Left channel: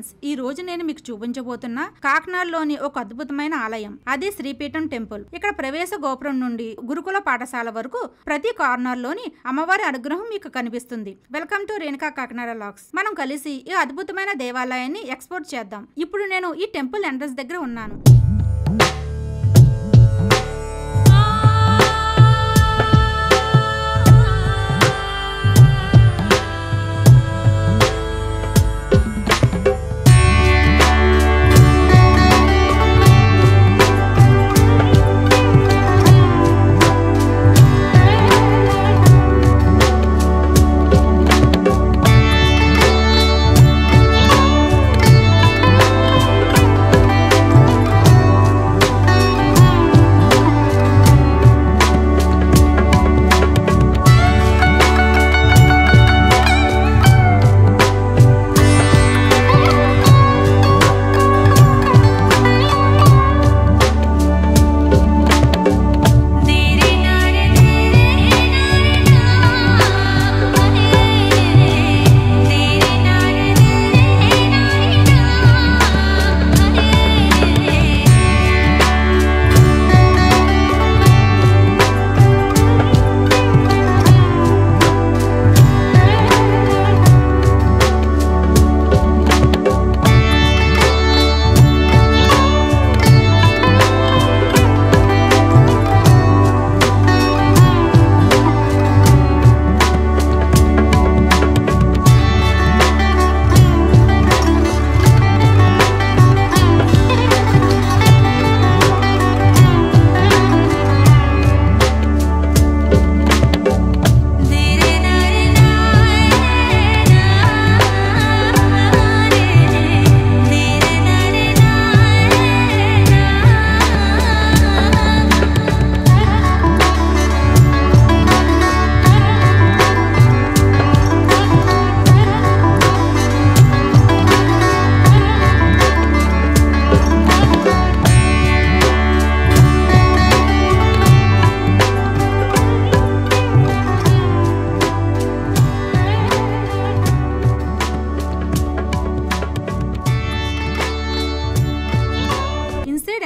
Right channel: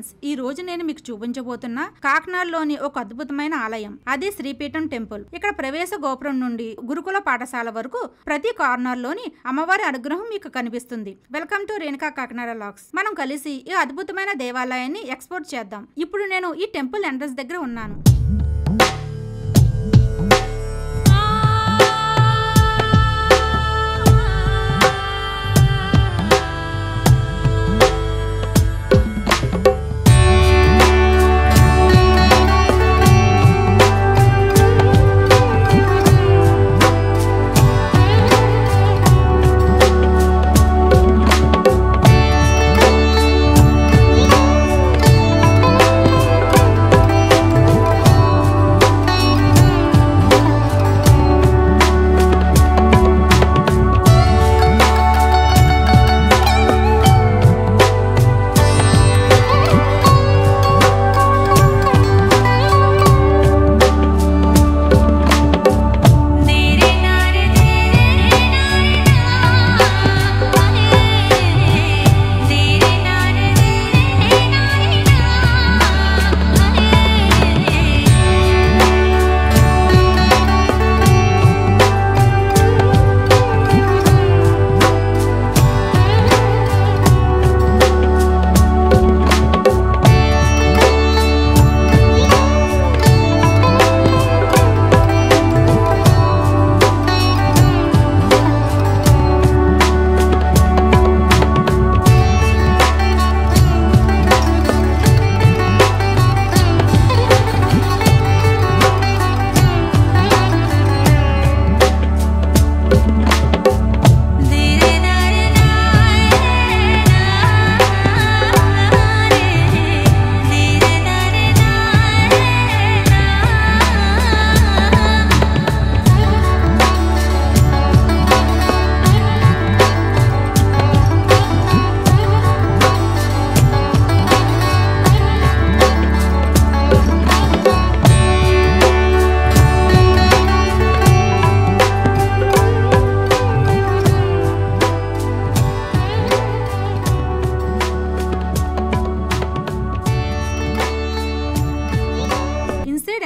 Friends, ఈ రోజు నేను మీకు చూపించబోతున్న కాకినాడలోని ఒక అద్భుతమైన ఆలయం. అది శ్రీపీఠం టెంపుల్. ఇక్కడ ప్రవేశ గోపురం నుండి గురుకుల పాఠశాల వరకు ప్రతి కార్నర్ లోని అమ్మవారి అనుగ్రహం మీకు కనిపిస్తుంది. Welcome to Renuka Kakinada logs. మనం కలిసి ఈ అద్భుతమైన దేవాలయాన్ని ఎక్స్ప్లోర్ చేద్దాం. ఇప్పుడు నేను ఈ టెంపుల్ ఎంట్రన్స్ దగ్గర ఉన్నాను.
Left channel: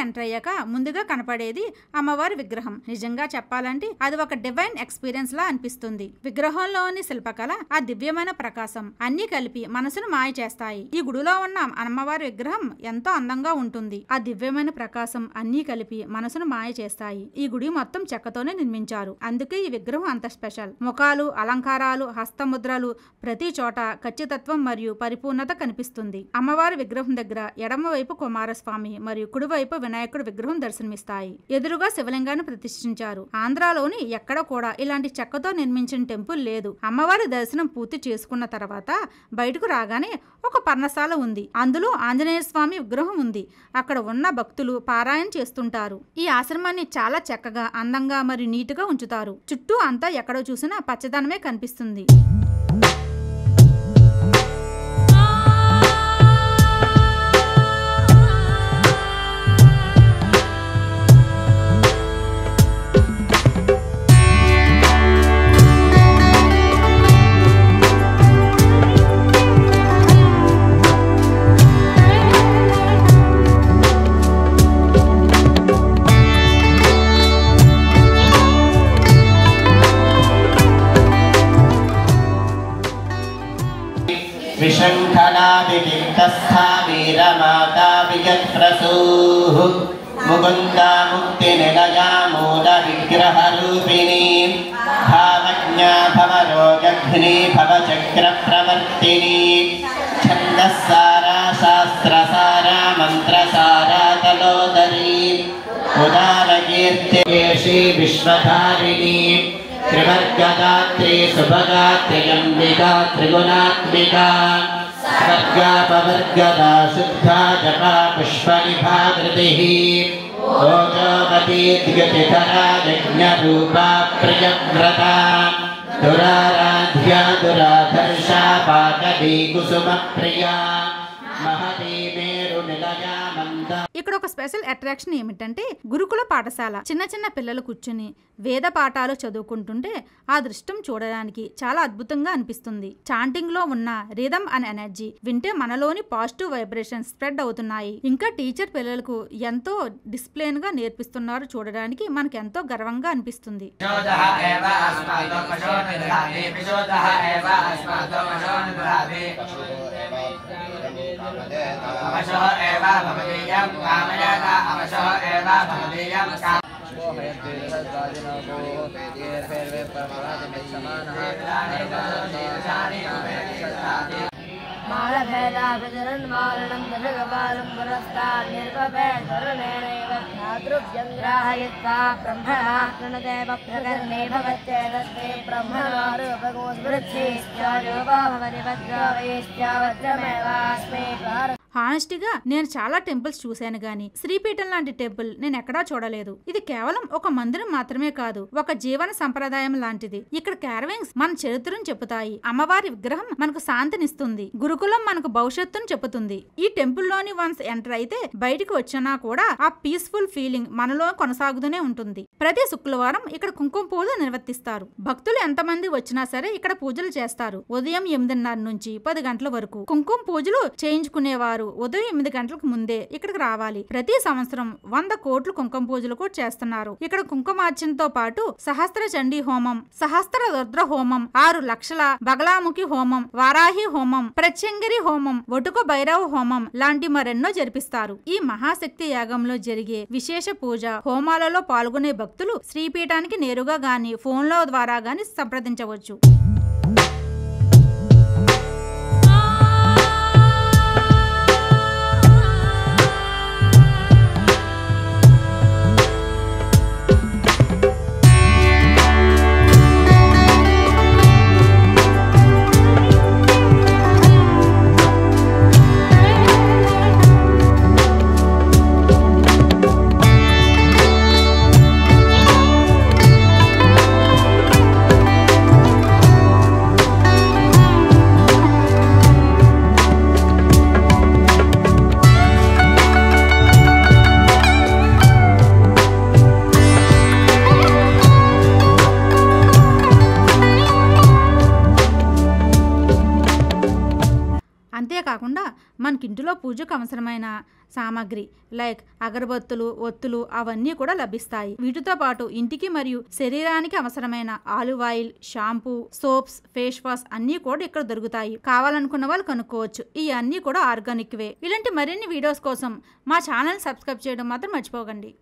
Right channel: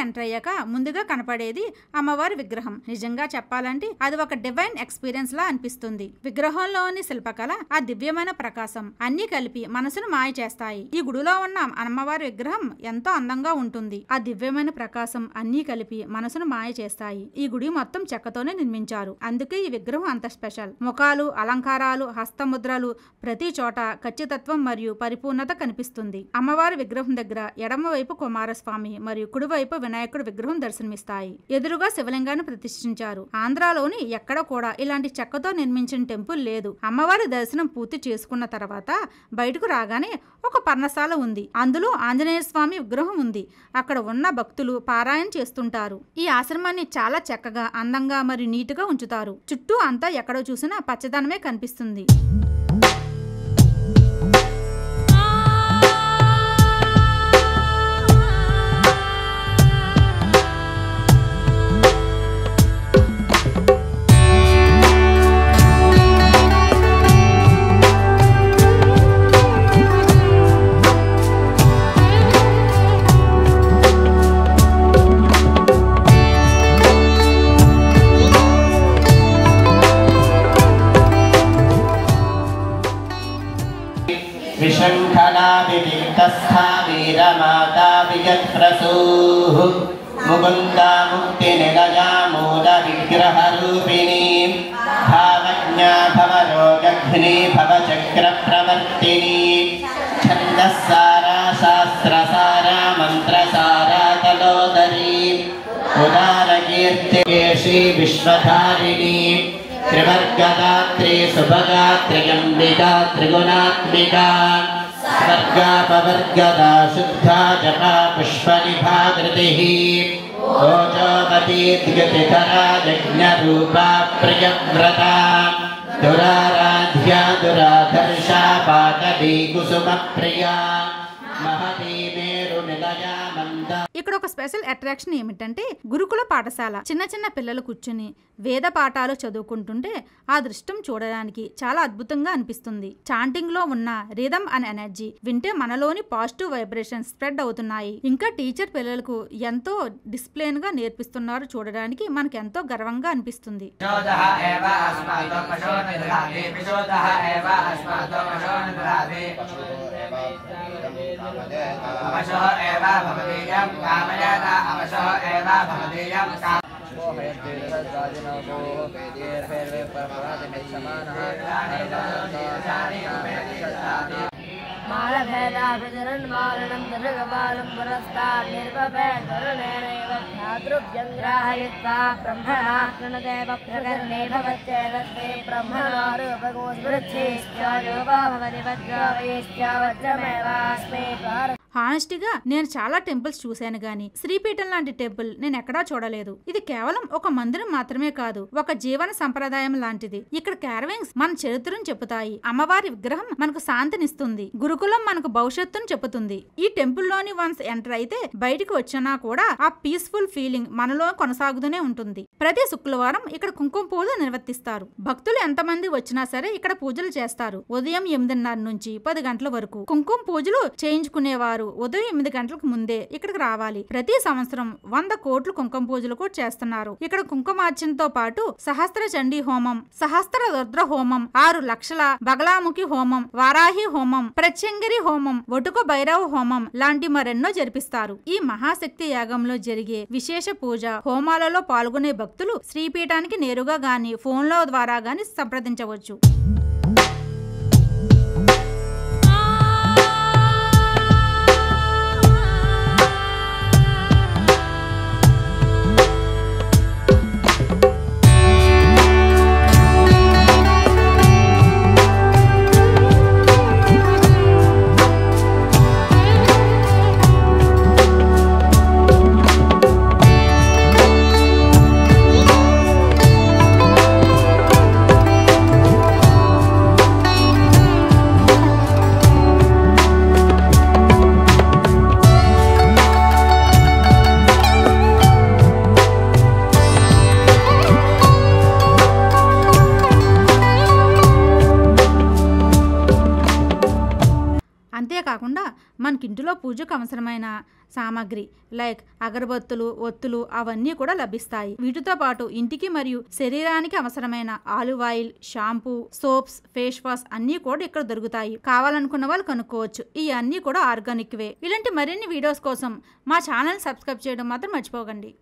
ఎంటర్ అయ్యాక ముందుగా కనపడేది అమ్మవారి విగ్రహం. నిజంగా చెప్పాలంటే అది ఒక డివైన్ ఎక్స్పీరియన్స్ లా అనిపిస్తుంది. విగ్రహంలోని శిల్పకళ, ఆ దివ్యమైన ప్రకాశం అన్ని కలిపి మనసును మాయ చేస్తాయి. ఈ గుడిలో ఉన్న అమ్మవారి విగ్రహం ఎంతో అందంగా ఉంటుంది. ఆ దివ్యమైన ప్రకాశం అన్ని కలిపి మనసును మాయ చేస్తాయి. ఈ గుడి మొత్తం చెక్కతోనే నిర్మించారు. అందుకే ఈ విగ్రహం అంత స్పెషల్. ముఖాలు, అలంకారాలు, హస్తముద్రలు ప్రతి చోట ఖచ్చితత్వం మరియు పరిపూర్ణత కనిపిస్తుంది. అమ్మవారి విగ్రహం దగ్గర ఎడమ వైపు కుమారస్వామి మరియు కుడివైపు వినాయకుడి విగ్రహం దర్శనమిస్తాయి. ఎదురుగా శివలింగాన్ని ప్రతిష్ఠించారు. ఆంధ్రాలోని ఎక్కడ కూడా ఇలాంటి చెక్కతో నిర్మించిన టెంపుల్ లేదు. అమ్మవారి దర్శనం పూర్తి చేసుకున్న తర్వాత బయటకు రాగానే ఒక పర్ణశాల ఉంది. అందులో ఆంజనేయ స్వామి విగ్రహం ఉంది. అక్కడ ఉన్న భక్తులు పారాయణ చేస్తుంటారు. ఈ ఆశ్రమాన్ని చాలా చక్కగా, అందంగా మరియు నీటుగా ఉంచుతారు. చుట్టూ అంతా ఎక్కడ చూసినా పచ్చదనమే కనిపిస్తుంది. विशङ्खनादिविक्तस्था वीरमाता विजत्प्रसूः मुकुन्दा मुक्तिनिलया मूलविग्रहरूपिणी भावज्ञा भवरोगघ्नी भवचक्रप्रवर्तिनी छन्दस्सारा शास्त्रसारा मन्त्रसारा तलोदरी उदारकीर्तिकेशी विश्वधारिणी त्रिवर्गदात्री सुभगात्री अम्बिका त्रिगुणात्मिका स्वर्गापवर्गदा शुद्धा जपा पुष्पनिभाकृतिः ओजोवती द्युतिकरा यज्ञरूपा प्रियव्रता दुराराध्या दुराधर्षा पाटवी कुसुमप्रिया महती मेरुनिलया मन्द ఇక్కడ ఒక స్పెషల్ అట్రాక్షన్ ఏమిటంటే గురుకుల పాఠశాల. చిన్న చిన్న పిల్లలు కూర్చుని వేద పాఠాలు చదువుకుంటుంటే ఆ దృశ్యం చూడడానికి చాలా అద్భుతంగా అనిపిస్తుంది. చాంటింగ్ లో ఉన్న రిథమ్ అండ్ ఎనర్జీ వింటే మనలోని పాజిటివ్ వైబ్రేషన్స్ స్ప్రెడ్ అవుతున్నాయి. ఇంకా టీచర్ పిల్లలకు ఎంతో డిసిప్లిన్ గా నేర్పిస్తున్నారు. చూడడానికి మనకు ఎంతో గర్వంగా అనిపిస్తుంది. హానెస్టీగా నేను చాలా టెంపుల్స్ చూశాను గానీ శ్రీపీఠం లాంటి టెంపుల్ నేను ఎక్కడా చూడలేదు. ఇది కేవలం ఒక మందిరం మాత్రమే కాదు, ఒక జీవన సంప్రదాయం లాంటిది. ఇక్కడ క్యారవింగ్స్ మన చరిత్రను చెబుతాయి. అమ్మవారి విగ్రహం మనకు శాంతినిస్తుంది. గురుకులం మనకు భవిష్యత్తును చెబుతుంది. ఈ టెంపుల్ లోని వన్స్ ఎంటర్ అయితే బయటికి వచ్చినా కూడా ఆ పీస్ఫుల్ ఫీలింగ్ మనలో కొనసాగుతూనే ఉంటుంది. ప్రతి శుక్రవారం ఇక్కడ కుంకుమ పూజ నిర్వర్తిస్తారు. భక్తులు ఎంతమంది వచ్చినా సరే ఇక్కడ పూజలు చేస్తారు. ఉదయం 8:30 నుంచి 10 గంటల వరకు కుంకుమ పూజలు చేయించుకునేవారు ఉదయం 8 గంటలకు ముందే ఇక్కడికి రావాలి. ప్రతి సంవత్సరం 100 కోట్ల కుంకుమ పూజలు కూడా చేస్తున్నారు. ఇక్కడ కుంకుమార్చనతో పాటు సహస్ర చండీ హోమం, సహస్ర రుద్ర హోమం, 6 లక్షల బగలాముఖి హోమం, వారాహి హోమం, ప్రత్యంగిరి హోమం, ఒటుక భైరవ హోమం లాంటి మరెన్నో జరిపిస్తారు. ఈ మహాశక్తి యాగంలో జరిగే విశేష పూజ హోమాలలో పాల్గొనే భక్తులు శ్రీపీఠానికి నేరుగా గాని ఫోన్ల ద్వారా గాని సంప్రదించవచ్చు. అంతేకాకుండా మనకింటిలో పూజకు అవసరమైన సామాగ్రి లైక్ అగరబత్తులు, ఒత్తులు అవన్నీ కూడా లభిస్తాయి. వీటితో పాటు ఇంటికి మరియు శరీరానికి అవసరమైన olive oil, shampoo, soaps, face wash అన్నీ కూడా ఇక్కడ దొరుకుతాయి. కావాలనుకున్న వాళ్ళు కనుక్కోవచ్చు. ఈ అన్నీ కూడా ఆర్గానిక్ వే. ఇలాంటి మరిన్ని వీడియోస్ కోసం మా ఛానల్ సబ్స్క్రైబ్ చేయడం మాత్రం మర్చిపోకండి.